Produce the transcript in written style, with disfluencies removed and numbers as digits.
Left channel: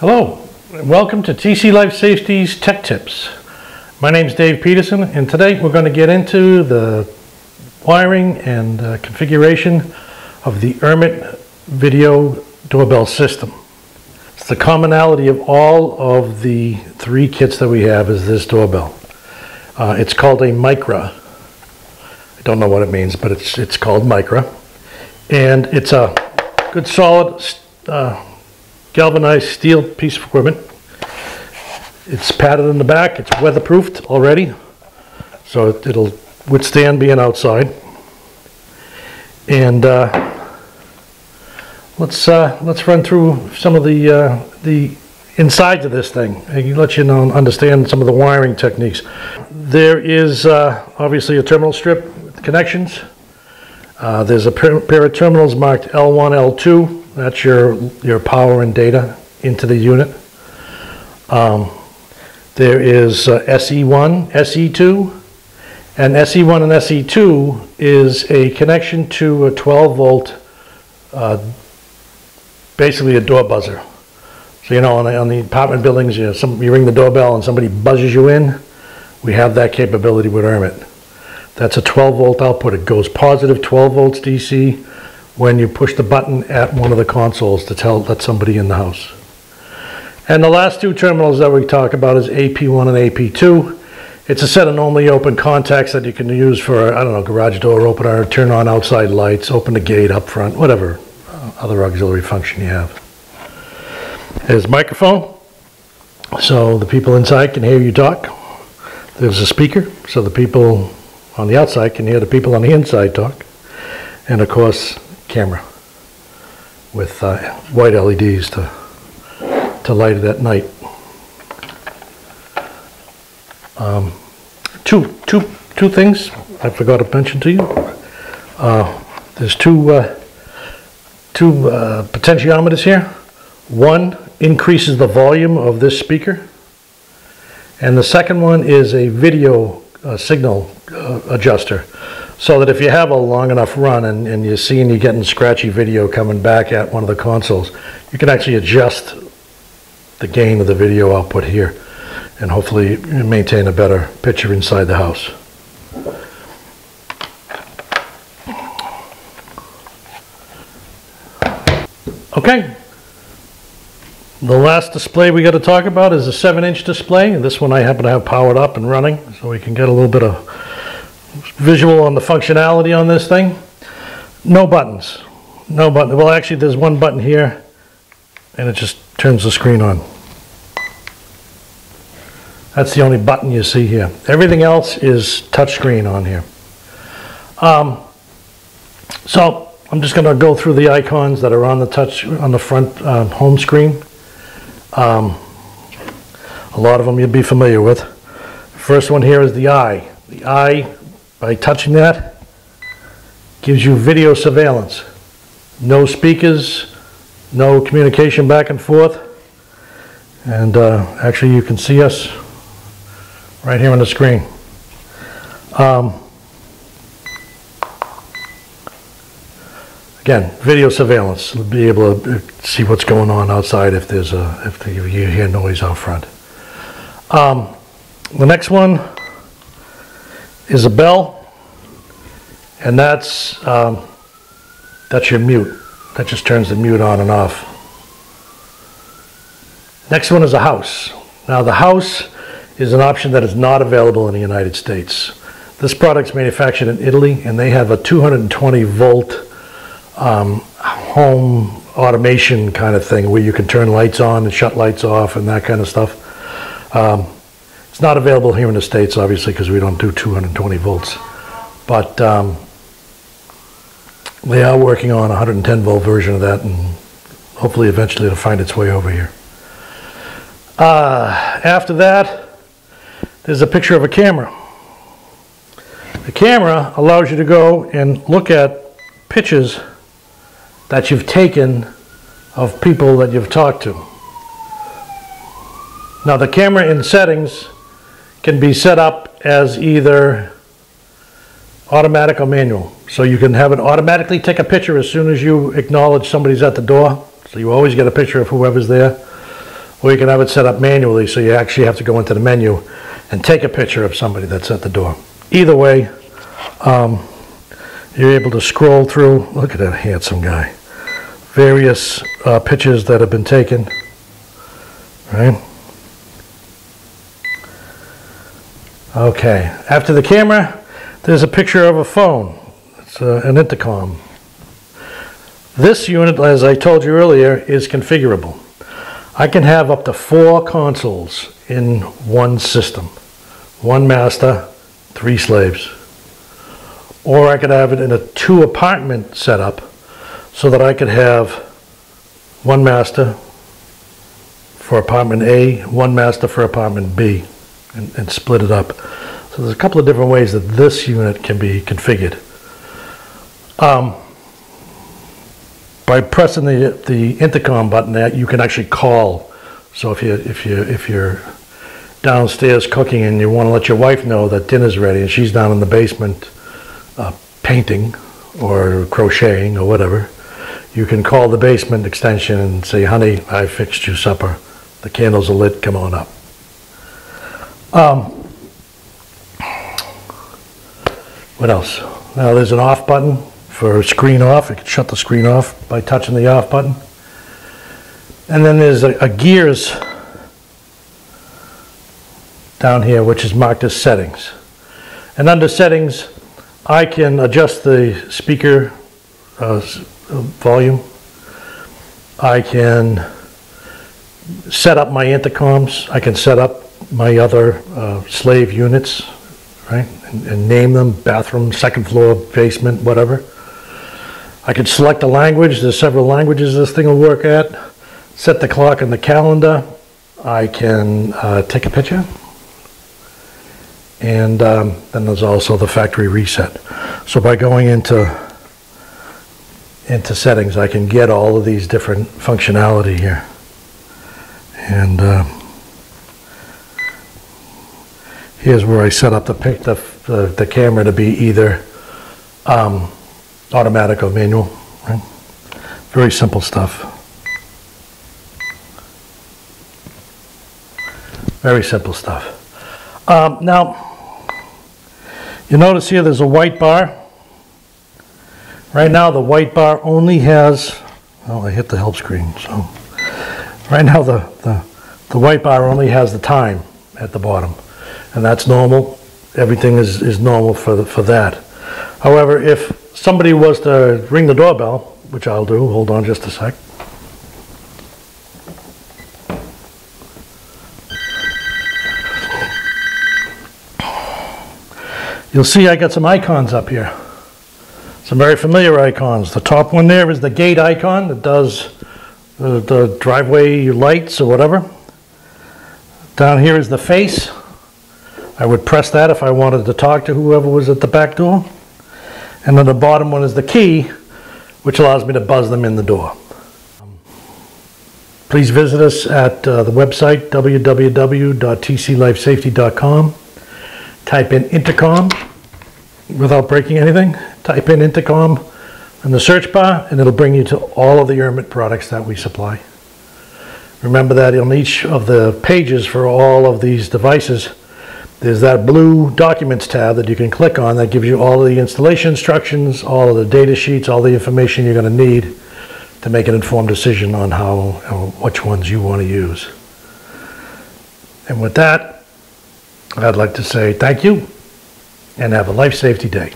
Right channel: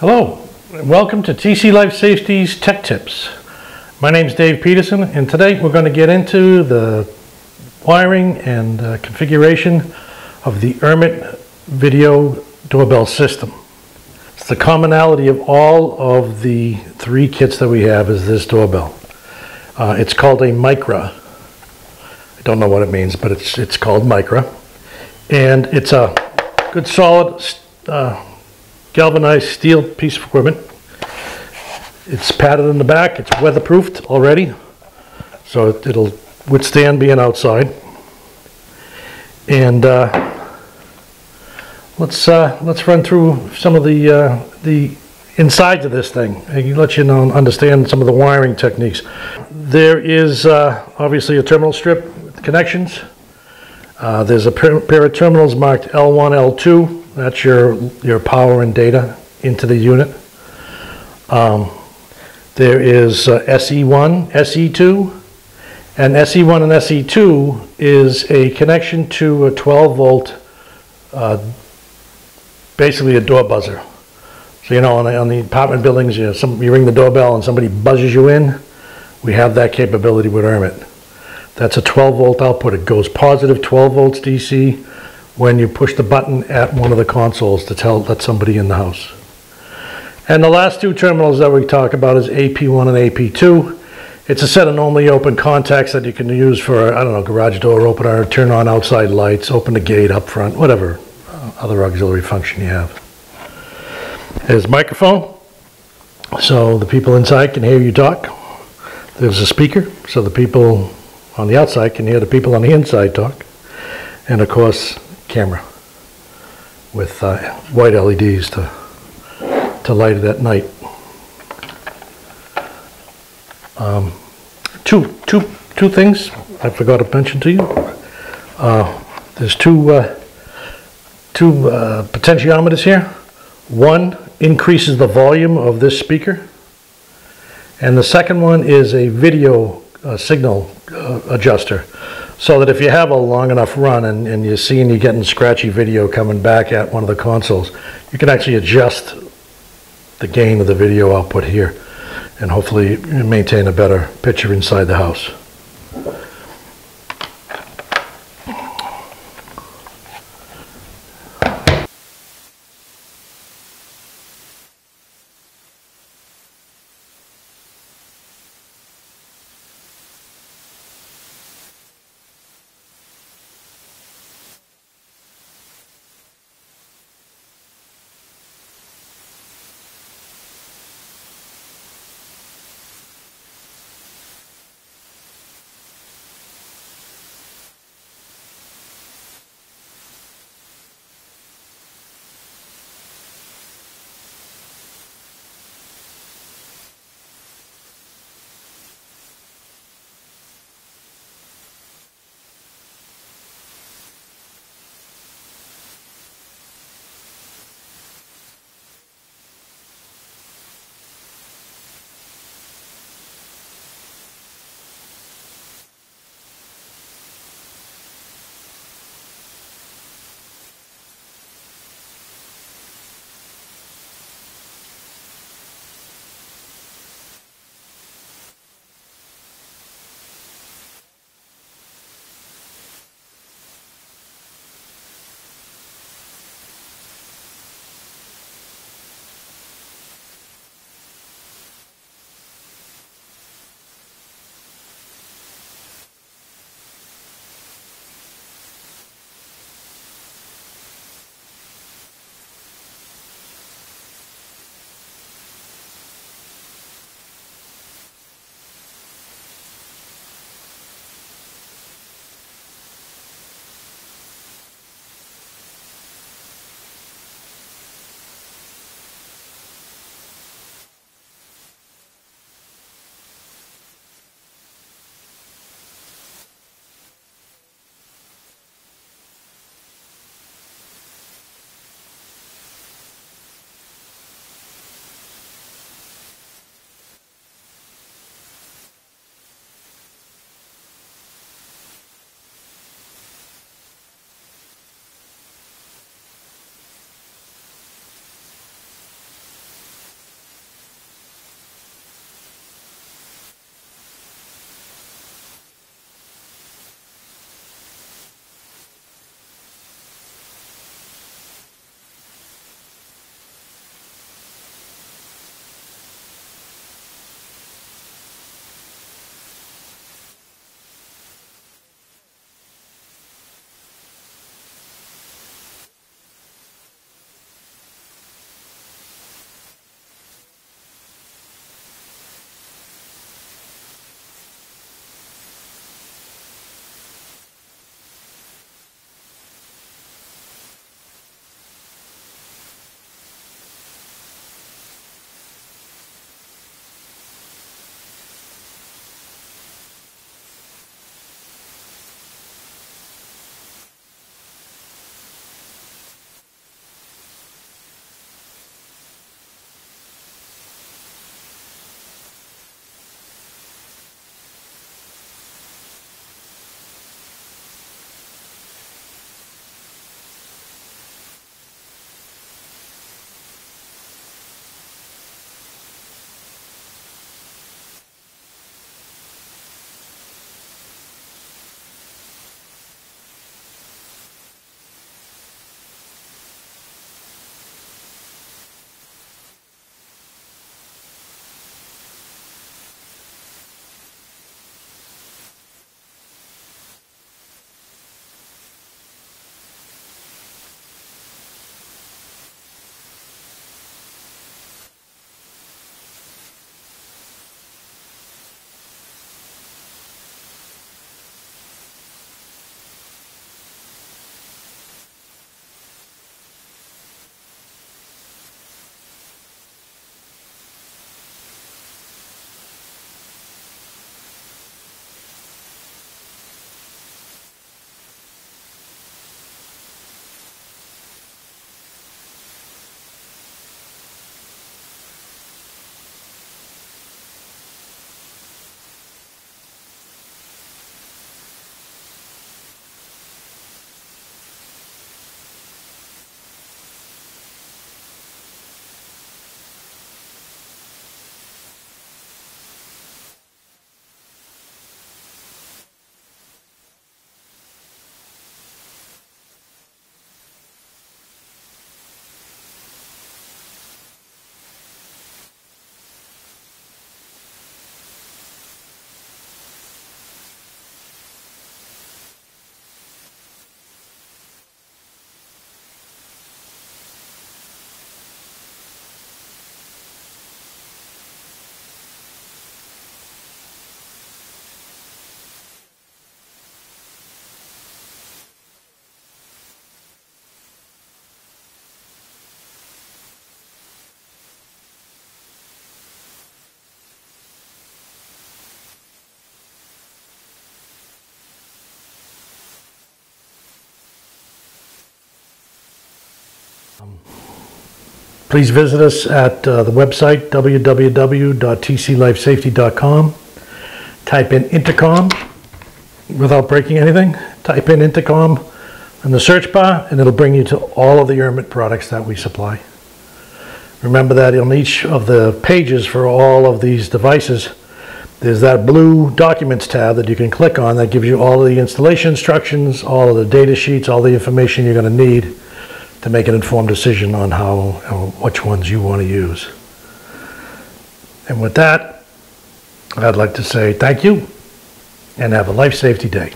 Hello, and welcome to TC Life Safety's Tech Tips. My name is Dave Peterson, and today we're going to get into the wiring and configuration of the Urmet video doorbell system. It's the commonality of all of the three kits that we have is this doorbell. It's called a Micra. I don't know what it means, but it's called Micra. And it's a good solid galvanized steel piece of equipment. It's padded in the back, it's weatherproofed already, so it'll withstand being outside. And let's run through some of the insides of this thing and let you know, understand some of the wiring techniques. There is obviously a terminal strip with connections. There's a pair of terminals marked L1, L2. That's your power and data into the unit. There is SE1, SE2, and SE1 and SE2 is a connection to a 12 volt, basically a door buzzer. So you know, on the apartment buildings, you ring the doorbell and somebody buzzes you in. We have that capability with Urmet. That's a 12 volt output. It goes positive 12 volts DC when you push the button at one of the consoles to let somebody in the house. And the last two terminals that we talk about is AP1 and AP2. It's a set of normally open contacts that you can use for, I don't know, garage door opener, turn on outside lights, open the gate up front, whatever other auxiliary function you have. There's a microphone, so the people inside can hear you talk. There's a speaker, so the people on the outside can hear the people on the inside talk. And of course, camera with white LEDs to light it at night. Two things I forgot to mention to you. There's two potentiometers here. One increases the volume of this speaker, and the second one is a video signal adjuster, so that if you have a long enough run and you're getting scratchy video coming back at one of the consoles, you can actually adjust the gain of the video output here and hopefully maintain a better picture inside the house. Okay, the last display we got to talk about is a 7-inch display, and this one I happen to have powered up and running so we can get a little bit of visual on the functionality on this thing. No buttons. No button. Well, actually, there's one button here, and it just turns the screen on. That's the only button you see here. Everything else is touch screen on here. So I'm just going to go through the icons that are on the front home screen. A lot of them you'll be familiar with. First one here is the eye. The eye, by touching that, gives you video surveillance. No speakers, no communication back and forth. And actually you can see us right here on the screen. Again, video surveillance. You'll be able to see what's going on outside if you hear noise out front. The next one is a bell, and that's your mute. That just turns the mute on and off. Next one is a house. Now the house is an option that is not available in the United States. This product's manufactured in Italy, and they have a 220 volt home automation kind of thing where you can turn lights on and shut lights off and that kind of stuff. It's not available here in the States, obviously, because we don't do 220 volts. But they are working on a 110 volt version of that, and hopefully eventually it'll find its way over here. After that, there's a picture of a camera. The camera allows you to go and look at pictures that you've taken of people that you've talked to. Now the camera in settings can be set up as either automatic or manual. So you can have it automatically take a picture as soon as you acknowledge somebody's at the door. So you always get a picture of whoever's there. or you can have it set up manually, so you actually have to go into the menu and take a picture of somebody that's at the door. Either way, you're able to scroll through. Look at that handsome guy. Various pictures that have been taken, right? Okay, after the camera, there's a picture of a phone. It's an intercom. This unit, as I told you earlier, is configurable. I can have up to 4 consoles in one system. 1 master, 3 slaves. Or I could have it in a 2 apartment setup so that I could have 1 master for apartment A, 1 master for apartment B, and split it up. So there's a couple of different ways that this unit can be configured. By pressing the intercom button, you can actually call. So if you're downstairs cooking and you want to let your wife know that dinner's ready and she's down in the basement painting or crocheting or whatever, you can call the basement extension and say, honey, I fixed you supper. The candles are lit, come on up. What else? Now there's an off button for screen off. You can shut the screen off by touching the off button. And then there's a gears down here, which is marked as settings. And under settings, I can adjust the speaker volume. I can set up my intercoms. I can set up my other slave units, right? And name them: bathroom, second floor, basement, whatever. I can select a language. There's several languages this thing will work at. Set the clock and the calendar. I can take a picture. And then there's also the factory reset. So by going into settings, I can get all of these different functionality here. And here's where I set up the camera to be either automatic or manual. Right? Very simple stuff. Very simple stuff. Now, you notice here there's a white bar. Right now the white bar only has, oh, I hit the help screen. So right now the white bar only has the time at the bottom, and that's normal. Everything is normal for that. However, if somebody was to ring the doorbell, which I'll do, hold on just a sec. You'll see I got some icons up here. Some very familiar icons. The top one there is the gate icon that does the driveway lights or whatever. Down here is the face. I would press that if I wanted to talk to whoever was at the back door. And then the bottom one is the key, which allows me to buzz them in the door. Please visit us at the website www.tclifesafety.com. Type in intercom without breaking anything. Type in intercom in the search bar and it'll bring you to all of the Urmet products that we supply. Remember that on each of the pages for all of these devices, there's that blue documents tab that you can click on that gives you all of the installation instructions, all of the data sheets, all the information you're going to need to make an informed decision on which ones you want to use. And with that, I'd like to say thank you and have a life safety day.